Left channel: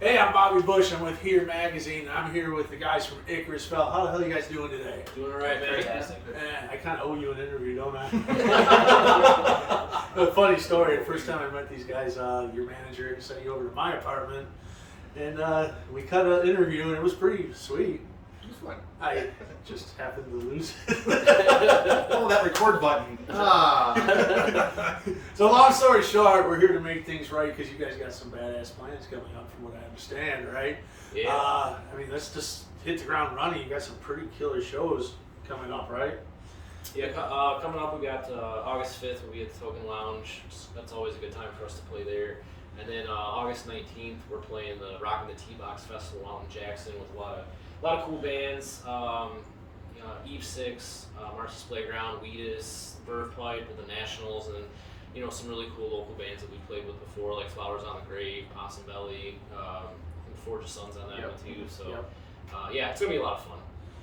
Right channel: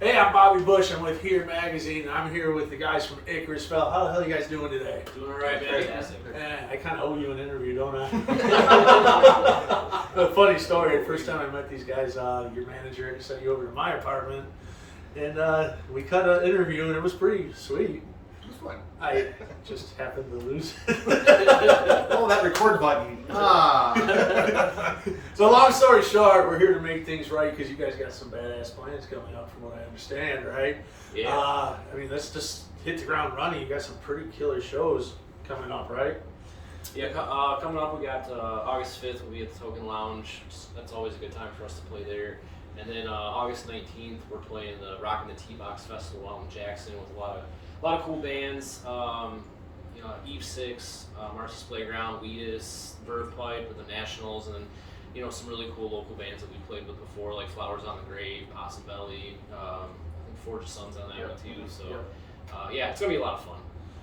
Hey, I'm Bobby Busch. I'm with Here Magazine. I'm here with the guys from Icarus Fell. How the hell are you guys doing today? Doing all right, man. I kind of owe you an interview, don't I? A funny story. The first time I met these guys, your manager sent you over to my apartment, and we cut an interview, and it was pretty sweet. It was fun. I just happened to lose it. Oh, that record button. Ah. So long story short, we're here to make things right because you guys got some badass plans coming up from what I understand, right? Yeah. I mean, let's just hit the ground running. You got some pretty killer shows coming up, right? Yeah, coming up we got August 5th, we'll be at the Token Lounge. That's always a good time for us to play there. And then August 19th, we're playing the Rock and the T-Box Festival out in Jackson with a lot of cool bands. Eve 6, Marcy's Playground, Wheatus, Verve Pipe with the Nationals, and some really cool local bands that we played with before, like Flowers on the Grave, Possum Belly. I think Forge of Suns on that one too. So it's gonna be a lot of fun.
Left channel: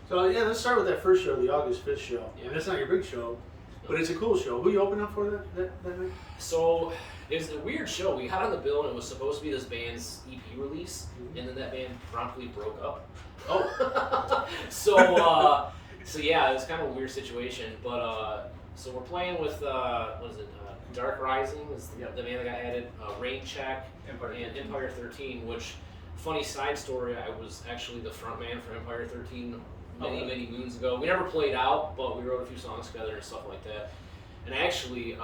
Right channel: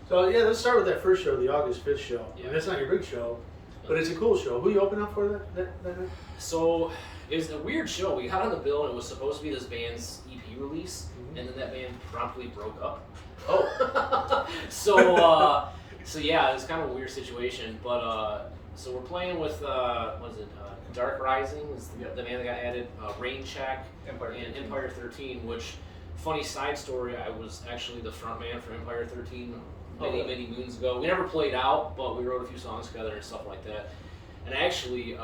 So yeah, let's start with that first show, the August 5th show. Yeah. And that's not your big show, but it's a cool show. Who you opening up for that night? So it was a weird show. We got on the bill and it was supposed to be this band's EP release, and then that band promptly broke up. Oh. So yeah, it was kind of a weird situation. But so we're playing with Dark Rising is the band that got added, Rain Check, and Empire 13. Which, funny side story, I was actually the front man for Empire 13 many moons ago. We never played out, but we wrote a few songs together and stuff like that. And actually,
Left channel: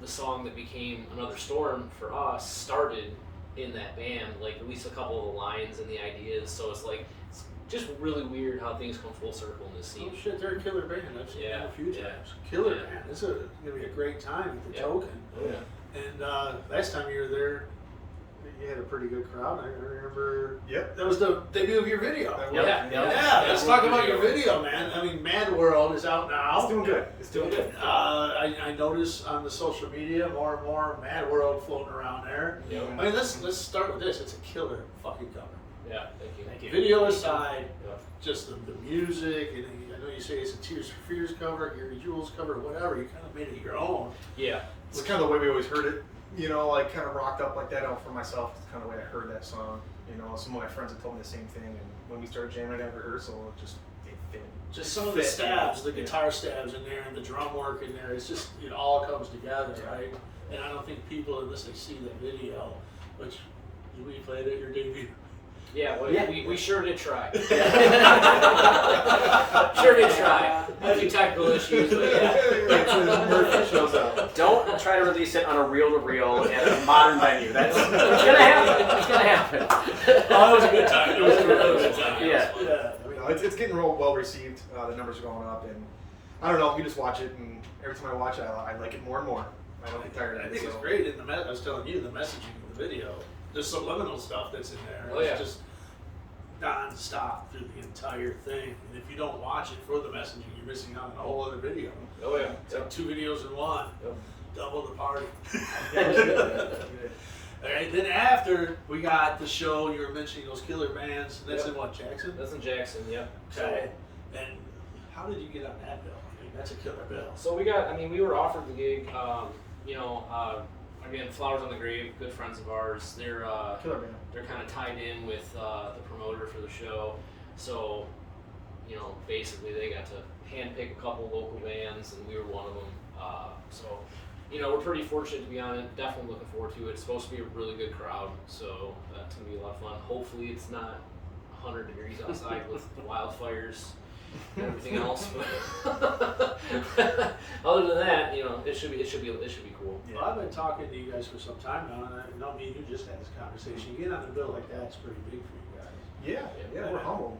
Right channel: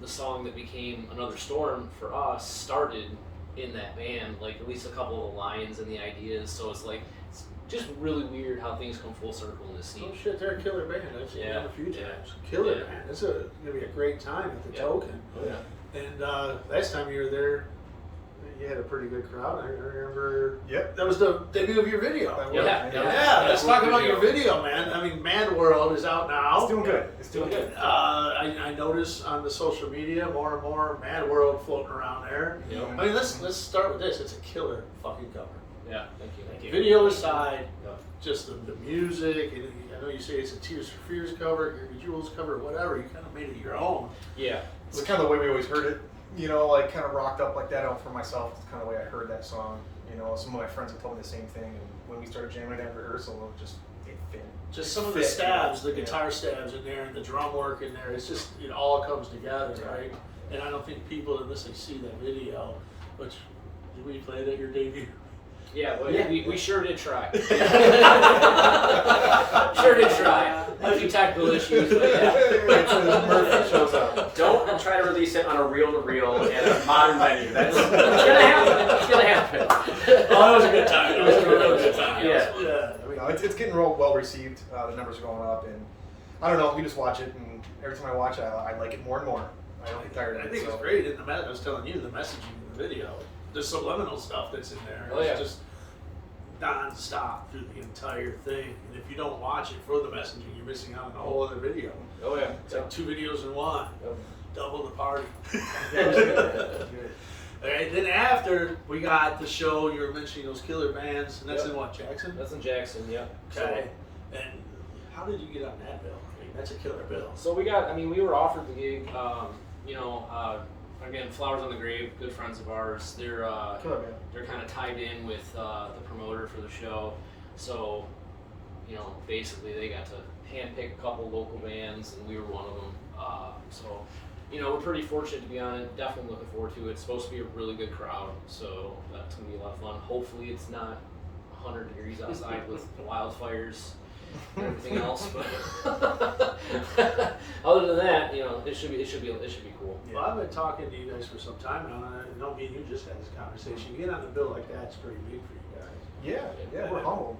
the song that became Another Storm for us started in that band, like at least a couple of the lines and the ideas. So it's just really weird how things come full circle in this scene. Oh shit, they're a killer band. I've seen them a few times. Yeah. Killer band. It's gonna be a great time at the Token. Oh yeah. And last time you were there, you had a pretty good crowd. I remember. Yep. That was the debut of your video. Yeah. Let's talk about your video, man. I mean, Mad World is out now. It's doing good. It's doing good. I notice on the social media more and more Mad World floating around there. Yep. I mean, let's start with this. It's a killer fucking cover. Yeah. Thank you. Video aside, Yep. just the music, and I know you say it's a Tears for Fears cover, Gary Jules cover, whatever. You kind of made it your own. Yeah. It's kind of the way we always heard it. Like kind of rocked up like that out for myself. It's kind of the way I heard that song. Some of my friends have told me the same thing. And when we started jamming at rehearsal, it fit. Just some of the stabs, the guitar stabs in there, and the drum work in there. It's just it all comes together, right? And I don't think people, unless they see that video, which did we play it at your debut? Yeah, we sure did try. Sure did try. A few technical issues, but yeah. Murphy shows up. Don't try to release it on a reel-to-reel and a modern venue. It's gonna happen. It's gonna happen. Oh, that was a good time. It was a real good time. Yeah. I mean, It's getting real well received. The numbers are going up, and I don't know. We just watch it, and every time I watch it, I like it more and more. I don't get tired of it. I think it's great. In I was telling you, the messaging in the video, the subliminal stuff that's in there. Oh, yeah. It's just non-stop through the entire thing. And if you don't watch it for the messaging, you're missing out on a whole other video. Oh yeah. It's like 2 videos in one. Yep. Double the party. All right, then after we got the show, you were mentioning those killer bands, and that's in what, Jackson? That's in Jackson, yeah. Okay. And how did you get on that bill? I mean, that's a killer bill. So we were offered the gig. Again, Flowers on the Grave, good friends of ours. They're kind of tied in with the promoter for the show. So, basically they got to handpick a couple local bands, and we were one of them. We're pretty fortunate to be on it. Definitely looking forward to it. It's supposed to be a really good crowd, so that's gonna be a lot of fun. Hopefully, it's not 100 degrees outside with the wildfires and everything else. But other than that, it should be cool. Well, I've been talking to you guys for some time now, and I know me and you just had this conversation. You get on a bill like that, it's pretty big for you guys. Yeah, we're humble.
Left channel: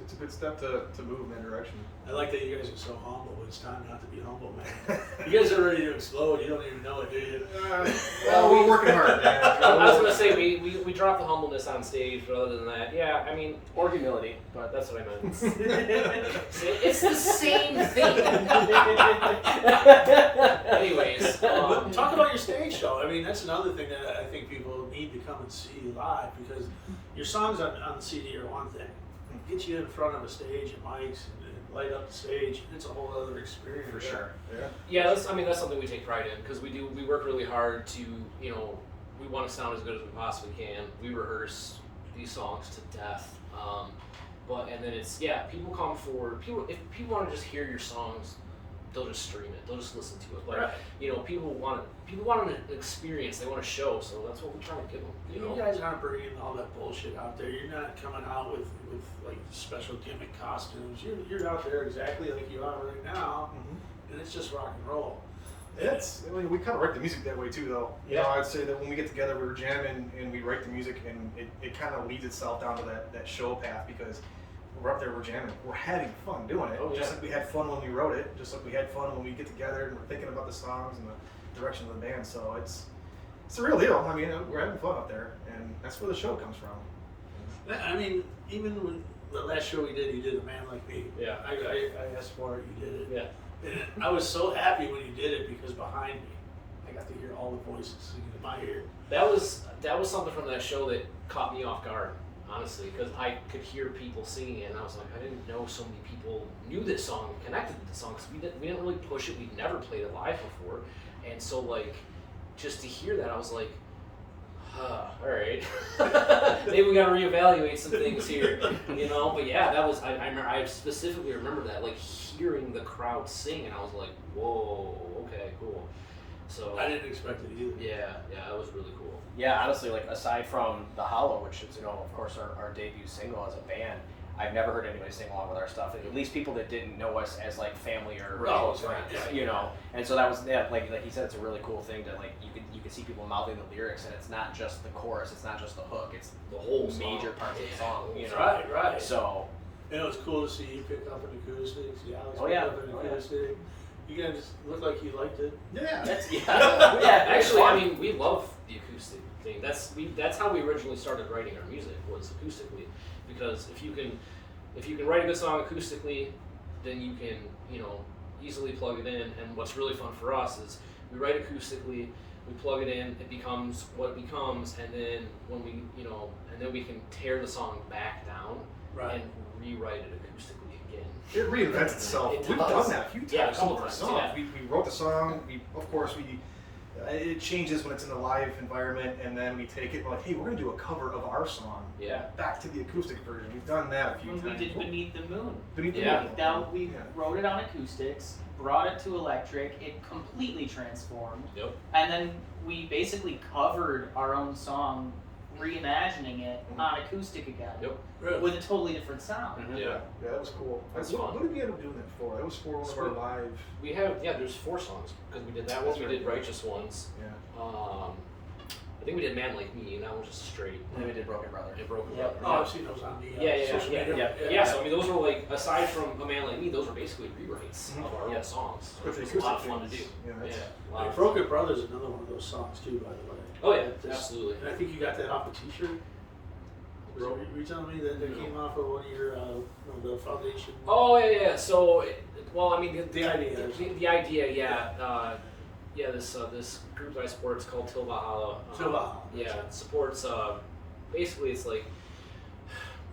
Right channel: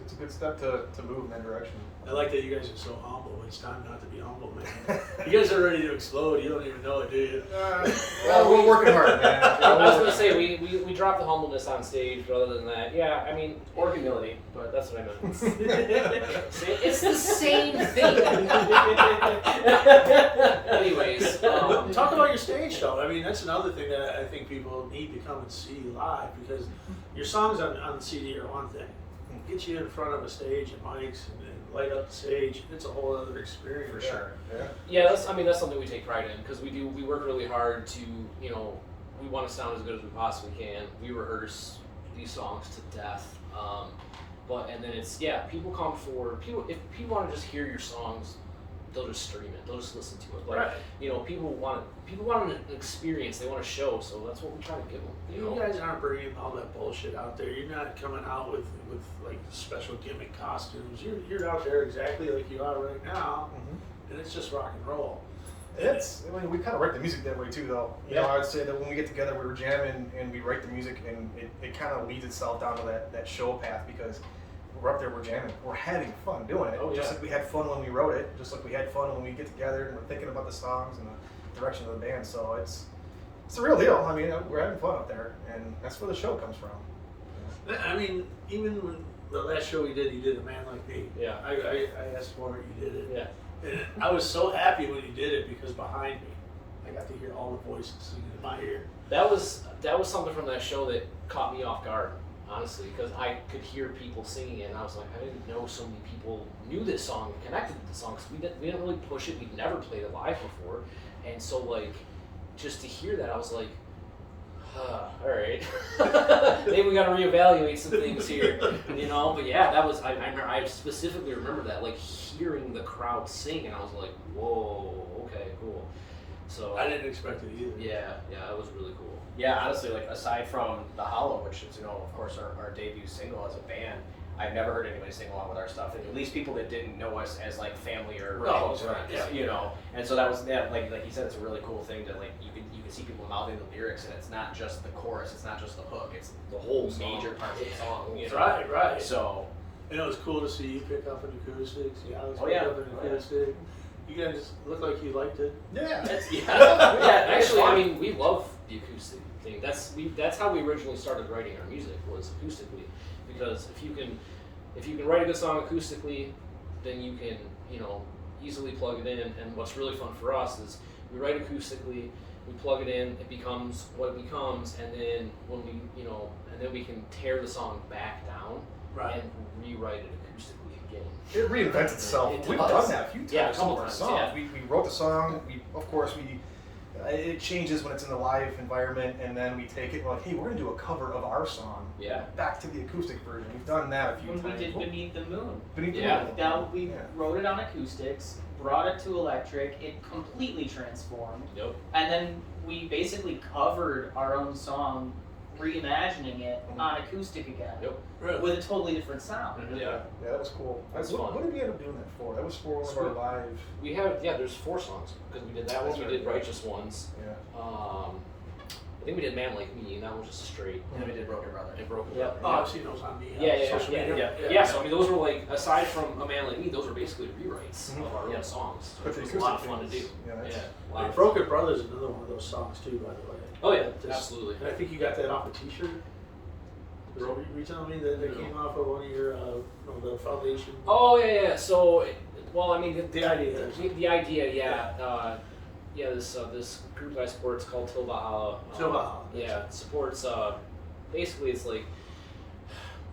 It's a good step to move in that direction. I like that you guys are so humble. It's time not to be humble, man. You guys are ready to explode. You don't even know it, do you? Well, we're working hard, man. I was going to say, we dropped the humbleness on stage, but other than that, Or humility. but that's what I meant. It's the same thing. Anyways, Talk about your stage show. I mean, that's another thing that I think people need to come and see live, because your songs on the CD are one thing. Get you in front of a stage and mics and light up the stage. It's a whole other experience. For sure. yeah, that's something we take pride in, because we work really hard to we want to sound as good as we possibly can. We rehearse these songs to death. And then it's, people come forward. If people want to just hear your songs, they'll just stream it. They'll just listen to it. But Right. People want an experience. They want a show. So that's what we try to give them. You guys aren't bringing all that bullshit out there. You're not coming out with like special gimmick costumes. You're out there exactly like you are right now, and it's just rock and roll. We kind of write the music that way too, though. You know, I would say that when we get together, we were jamming and we write the music, and it kind of leads itself down to that show path, because we're up there, we're jamming, we're having fun doing it. Just like we had fun when we wrote it, just like we had fun when we get together and we're thinking about the songs and the direction of the band. So it's the real deal. I mean, we're having fun up there, and that's where the show comes from. I mean, even when the last show we did, you did A Man Like Me. Yeah. I asked for it, you did it. Yeah. And I was so happy when you did it, because behind me, I got to hear all the voices singing in my ear. That was something from that show that caught me off guard, honestly, because I could hear people singing it, and I was like, I didn't know so many people knew this song and connected with the song, because we didn't really push it. We'd never played it live before, and so like just to hear that, I was like, all right, maybe we got to reevaluate some things here, But yeah, that was I specifically remember that, like hearing the crowd sing, and I was like, whoa, okay, cool. So I didn't expect it either. Yeah, it was really cool. Yeah, honestly, like aside from The Hollow, which is, of course, our debut single as a band, I've never heard anybody sing along with our stuff. At least people that didn't know us as like family or close friends, And so that was like he said, it's a really cool thing to like you can see people mouthing the lyrics, and it's not just the chorus, it's not just the hook, it's the whole major part of the song. Right. So it was cool to see you pick up an acoustic. See Alex pick up an acoustic. You guys look like you liked it. Yeah. Actually, I mean, we love the acoustic thing. That's how we originally started writing our music, was acoustically. Because if you can write a good song acoustically, then you can easily plug it in. And what's really fun for us is we write acoustically, we plug it in, it becomes what it becomes, and then when we can tear the song back down and rewrite it acoustically again. It reinvents itself. We've done that a few times. Yeah, a couple times. Songs. Yeah. We wrote the song. It changes when it's in the live environment, and then we take it like, hey, we're gonna do a cover of our song. Yeah. Back to the acoustic version. We've done that a few times. When we did Beneath the Moon. We wrote it on acoustics, brought it to electric, it completely transformed. Yep. And then we basically covered our own song, reimagining it on acoustic again. Yep. Really? With a totally different sound. Yeah. Yeah, that was cool. That's what, fun. What did we end up doing that for? That was for one of our live. We have there's 4 songs, because we did that one. That's We right. did Righteous Ones. Yeah. I think we did Man Like Me, and that was just straight. and then we did Broken Brother. And Broken Yeah. Brother. Oh, I've seen those on the social media. Yeah. So I mean, those were like, aside from A Man Like Me, those were basically rewrites of our own songs, which was a lot of fun to do. Like Broken Brothers is another one of those songs too, by the way. Oh yeah, absolutely. And I think you got that off a T-shirt. Were you telling me that came off of one of your the foundation? Oh yeah. So, I mean, The idea. The idea, this group that I support is called Till Valhalla. Yeah, it supports. Basically, it's like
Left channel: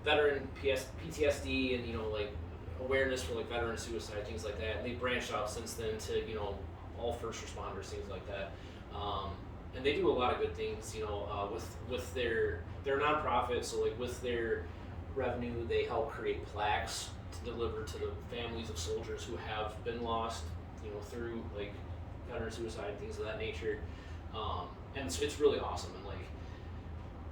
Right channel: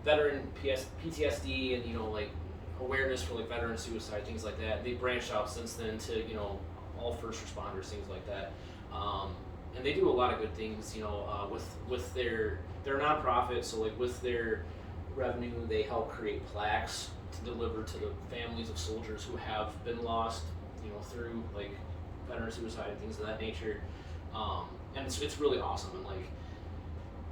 veteran PTSD and like awareness for like veteran suicide, things like that. And they branched out since then to all first responders, things like that. And they do a lot of good things, with their nonprofit. So like with their revenue, they help create plaques to deliver to the families of soldiers who have been lost, through like veteran suicide and things of that nature. And it's really awesome. And like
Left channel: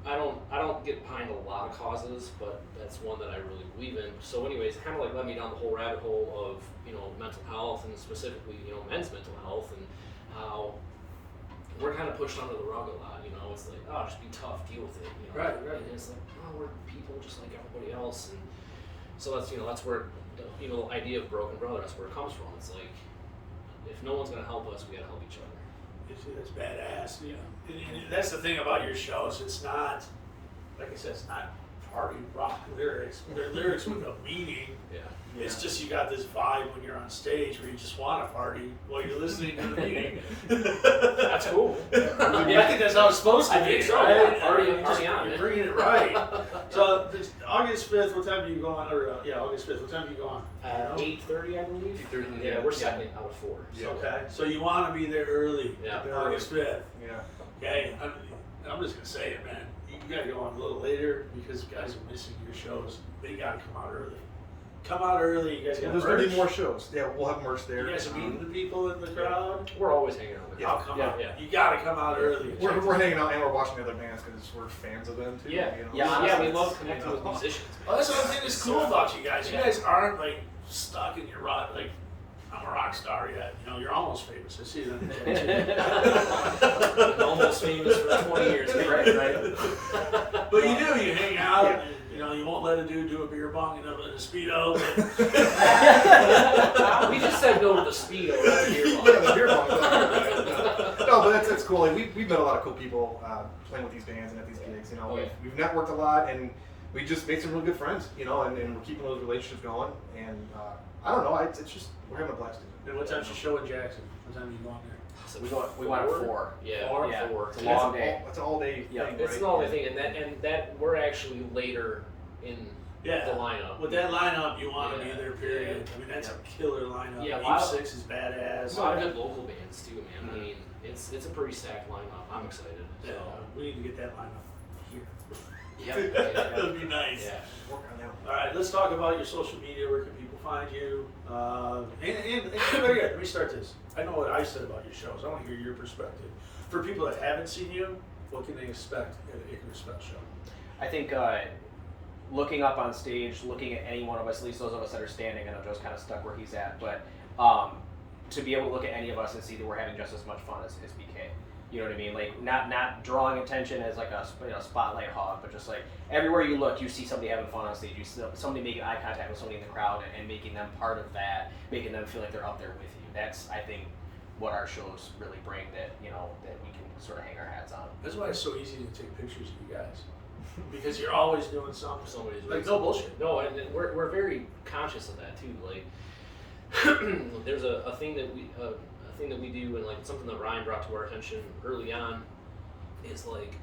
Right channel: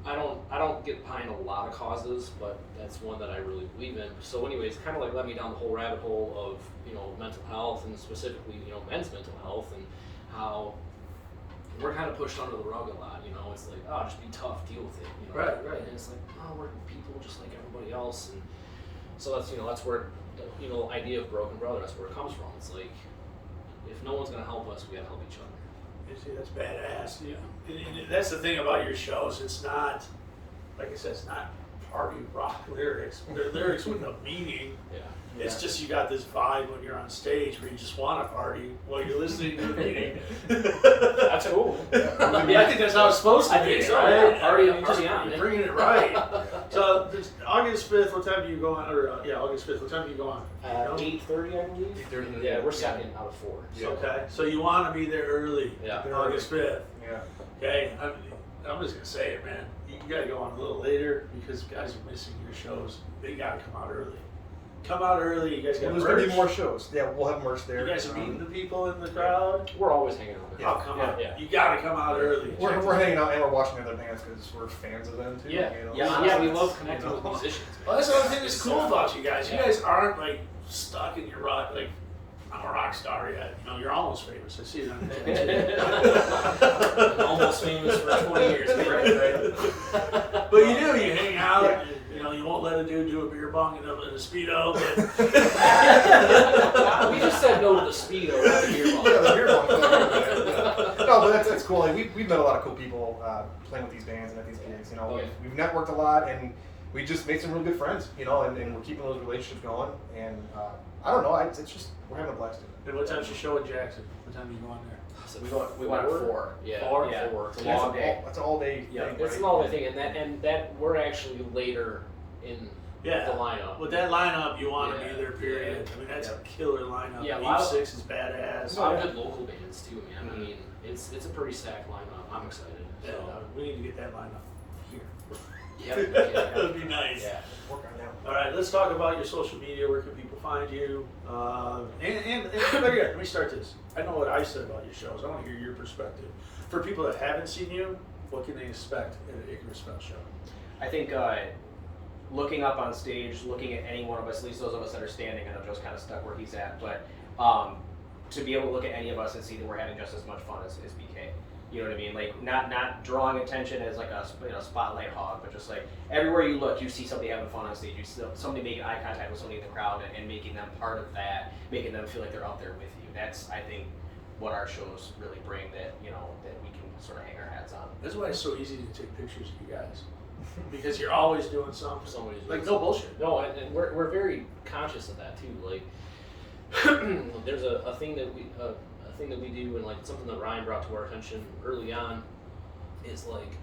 I don't get behind a lot of causes, but that's one that I really believe in. So anyways, kind of like led me down the whole rabbit hole of mental health, and specifically men's mental health, and how we're kind of pushed under the rug a lot. It's like, oh, just be tough, deal with it. Right. And it's like, oh, we're people just like everybody else. And so that's where the idea of Broken Brother, that's where it comes from. It's like, if no one's gonna help us, we gotta help each other. You see, that's badass. Yeah. And that's the thing about your shows. It's not, like I said, it's not party rock lyrics. They're lyrics with a meaning. Yeah. It's just you got this vibe when you're on stage where you just want to party while you're listening to the meaning. That's cool. I think that's how it's supposed to be. I think so. Right? Yeah. Party on. You're bringing it right. So August 5th, what time do you go on? August 5th, what time do you go on? 8:30, I believe. 8:30. Yeah, we're second out of 4. So. Okay, so you want to be there early. Yeah. August 5th. Yeah. Okay. I'm just gonna say it, man. You gotta go on a little later because guys are missing your shows. They gotta come out early. Come out early. You guys got There's merch. gonna be more shows. Yeah, we'll have merch there. You guys are meeting the people in the crowd. We're always hanging out with them. Oh, come on. Yeah. You gotta come out early. We're hanging out and we're watching other bands because we're fans of them too. Yeah, you know? yeah, we love connecting with musicians. Man. Well, that's the other thing that's cool about you guys. You guys aren't like stuck in your rock. Like, I'm a rock star yet. You know, you're almost famous. I see it on the tattoo. Almost famous for 20 years. Right. But you do. You hang out. Yeah. You know, you won't let a dude do a beer bong in a Speedo. But we just said no to the Speedo, not the beer bong. Yeah, the beer bong. No, but that's cool. Like, we've met a lot of cool people playing with these bands and at these gigs. You know, we've networked a lot and we just made some real good friends. You know, and we're keeping those relationships going. And I don't know. It's just we're having a blast. And what time's your show in Jackson? What time are you going there? We went at 4. Yeah, 4? Yeah. 4. It's a long day. That's an all day Yeah, thing. It's right? an all day thing, and that we're actually later in the lineup. With that lineup, you want to be Yeah. there, period. I mean, that's a killer lineup. Yeah, a Eve lot of- 6 is badass. A lot of good local bands too, man. I mean, it's a pretty stacked lineup. I'm excited. Yeah, we need to get that lineup here. Yeah, That would be nice. Yeah. Work on that. All right, let's talk about your social media. Where can people find you? And better yet, let me start this. I know what I said about your shows. I want to hear your perspective. For people that haven't seen you, what can they expect at an Icarus Fell show? I think looking up on stage, looking at any one of us, at least those of us that are standing, I know Joe's kind of stuck where he's at, but to be able to look at any of us and see that we're having just as much fun as BK. You know what I mean? Like not drawing attention as like a spotlight hog, but just like everywhere you look, you see somebody having fun on stage. You see somebody making eye contact with somebody in the crowd and making them part of that, making them feel like they're up there with you. That's, I think, what our shows really bring that that we can sort of hang our hats on. That's why it's so easy to take pictures of you guys. Because you're always doing something. Somebody's like no bullshit. No, and we're very conscious of that too. Like there's a thing that we do, and like something that Ryan brought to our attention early on is like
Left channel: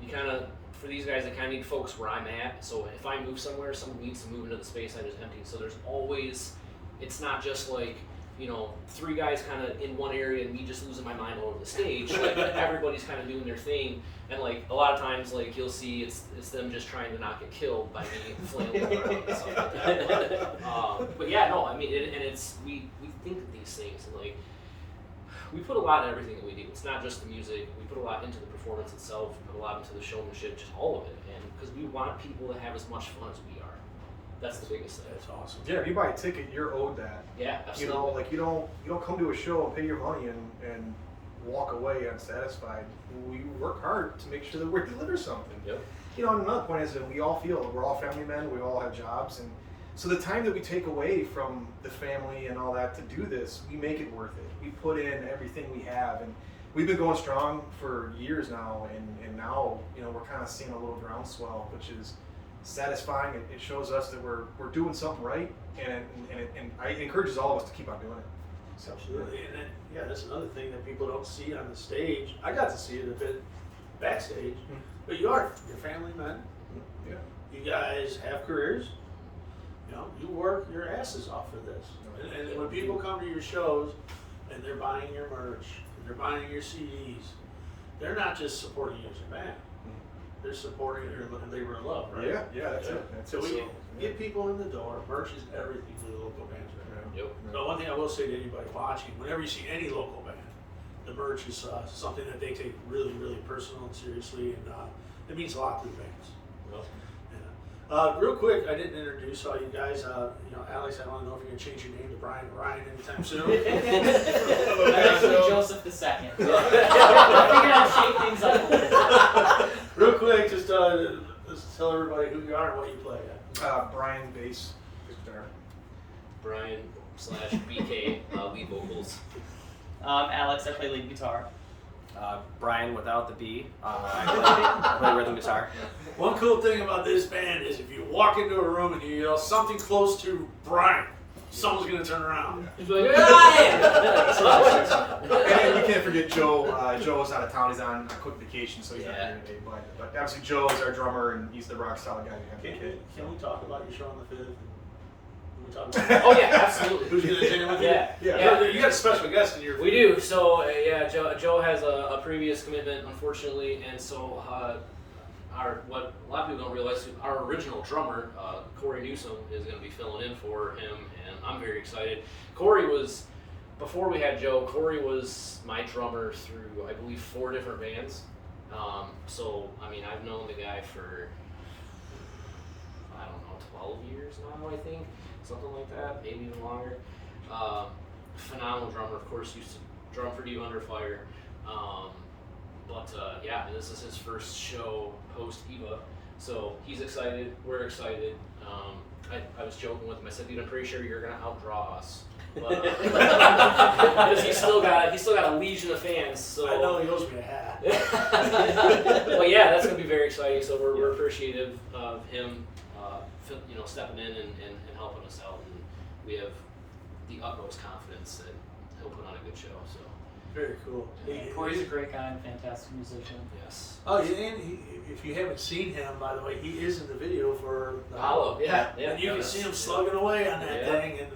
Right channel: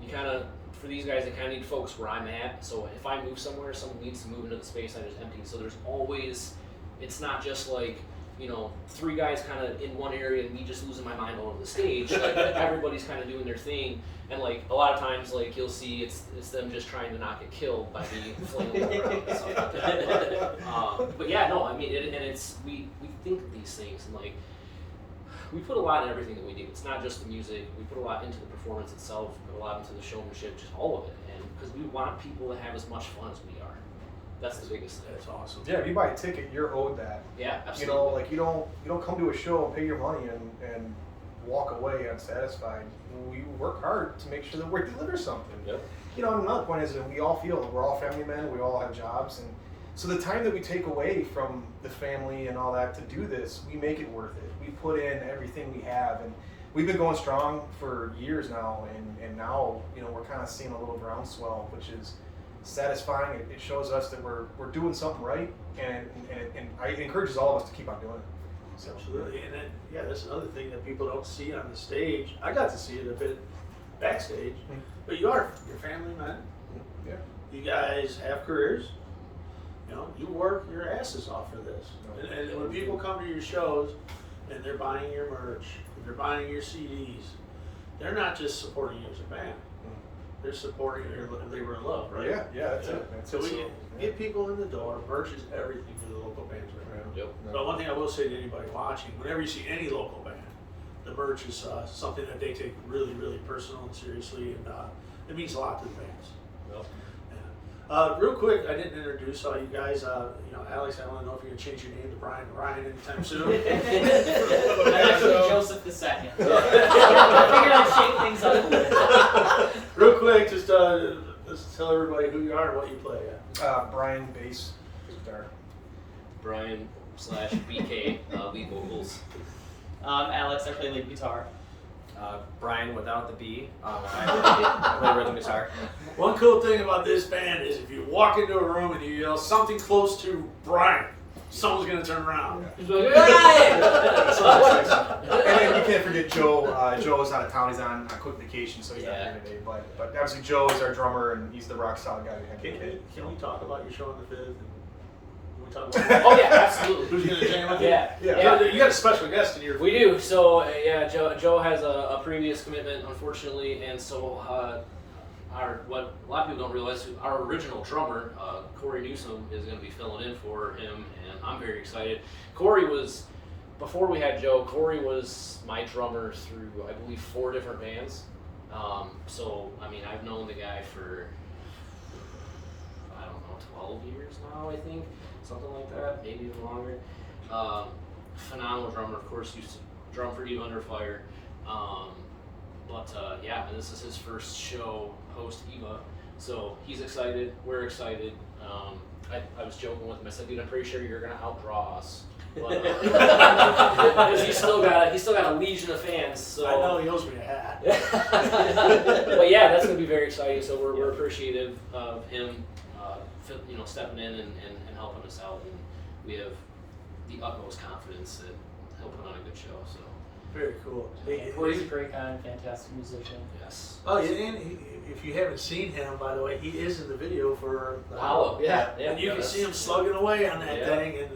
you kind of, for these guys, they kind of need to focus where I'm at. So if I move somewhere, someone needs to move into the space I just emptied. So there's always, it's not just like, you know, 3 guys kind of in one area and me just losing my mind all over the stage. Like everybody's kind of doing their thing, and like a lot of times, like you'll see it's them just trying to not get killed by me flailing around and stuff like that. But yeah, no, I mean, we think of these things, and like we put a lot in everything that we do. It's not just the music. We put a lot into the performance itself. We put a lot into the showmanship, just all of it, and because we want people to have as much fun as we are. That's the biggest thing. That's awesome. Yeah, if you buy a ticket, you're owed that. Yeah, absolutely. You know, like you don't come to a show and pay your money and walk away unsatisfied. We work hard to make sure that we deliver something. Yep. You know, and another point is that we all feel that we're all family men. We all have jobs, and so the time that we take away from the family and all that to do this, we make it worth it. We put in everything we have, and we've been going strong for years now, and now, you know, we're kind of seeing a little groundswell, which is satisfying. It shows us that we're doing something right, and it encourages all of us to keep on doing it. So, Absolutely, and then that's another thing that people don't see on the stage. I got to see it a bit backstage, but you're family men. yeah. You guys have careers. You know, you work your asses off for this. And when people come to your shows and they're buying your merch, and they're buying your CDs, they're not just supporting you as a band. They're supporting your labor of love, right? Yeah, that's it. That's So it. we get people in the door. Merch is everything for the local bands. Right? Yep. But one thing I will say to anybody watching, whenever you see any local band, the merch is something that they take really, really personal and seriously, and it means a lot to the bands. Yep. Real quick, I didn't introduce all you guys. You know, Alex, I want to know if you're gonna change your name to Brian or Ryan anytime soon. I'm actually Joseph II. I figured I'd shake things up a little. Real quick, just tell everybody who you are and what you play. Brian bass, guitar. Brian / BK lead vocals. Alex, I play lead guitar. Brian without the B. I play rhythm guitar. One cool thing about this band is if you walk into a room and you yell something close to Brian, someone's gonna turn around. He's like, Ryan! And we can't forget Joe. Joe is out of town. He's on a quick vacation, so he's not here today. But obviously, Joe is our drummer, and he's the rock solid guy behind the kid. Can we talk about your show on the 5th? Can we talk about that? Oh yeah, absolutely. Who's gonna jam with you? Yeah. You got a special guest in your. We do. So yeah, Joe has a previous commitment, unfortunately, and so what a lot of people don't realize, our original drummer, Corey Newsom, is going to be filling in for him, and I'm very excited. Corey was, before we had Joe, Corey was my drummer through, I believe, 4 different bands. So I mean, I've known the guy for, I don't know, 12 years now, I think, something like that, maybe even longer. Phenomenal drummer, of course, used to drum for Eve Under Fire. But yeah, and this is his first show post Eva, so he's excited. We're excited. I was joking with him. I said, "Dude, I'm pretty sure you're gonna outdraw us," because he's still got a legion of fans. So I know he owes me a hat. But yeah, that's gonna be very exciting. So we're appreciative of him, stepping in and helping us out, and we have the utmost confidence that he'll put on a good show. So. Very cool. Corey's a great guy and fantastic musician. Yes. Oh, yeah, and if you haven't seen him, by the way, he is in the video for the Hollow. Yeah. And you can see him slugging away on that thing, and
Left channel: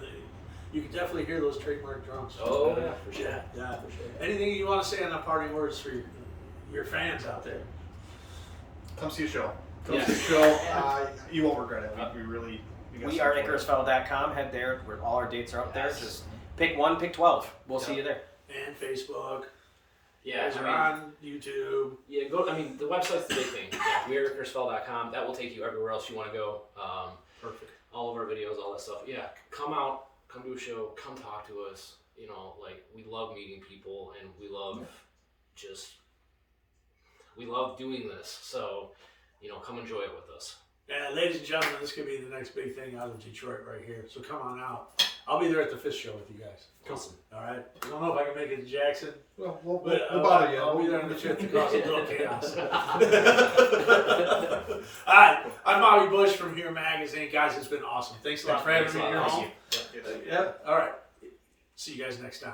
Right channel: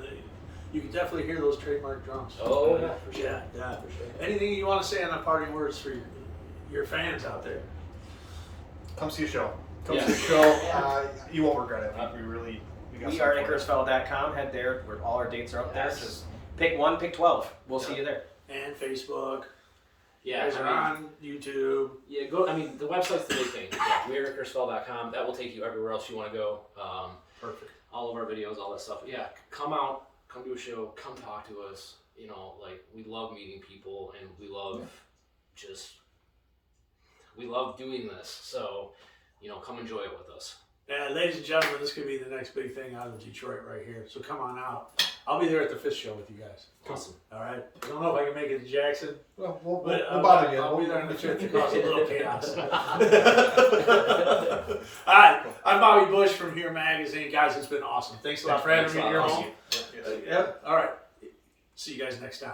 you can definitely hear those trademark drums. Oh yeah, for sure. Yeah, for sure. Anything you want to say on the parting words for your fans out there? Come see a show. Come Yes. see a show. You won't regret it. We are IcarusFell.com. Head there where all our dates are up there. Yes. Just pick 1, pick 12. We'll see you there. And Facebook. Yeah, You guys are on YouTube. Yeah, go. I mean, the website's the big thing. Yeah, weareicarusfell.com. That will take you everywhere else you want to go. Perfect. All of our videos, all that stuff. Yeah, come out, come to a show, come talk to us. We love meeting people, and we love we love doing this. So, come enjoy it with us. And ladies and gentlemen, this could be the next big thing out of Detroit right here. So come on out. I'll be there at the Fist show with you guys. Awesome. All right. I don't know if I can make it to Jackson. Well, we'll But bother you. I'll be there on the 5th to cause a little chaos. All right. I'm Bobby Busch from Here Magazine. Guys, it's been awesome. Thanks a lot for having me in your home. Yes. Yeah. All right. See you guys next time.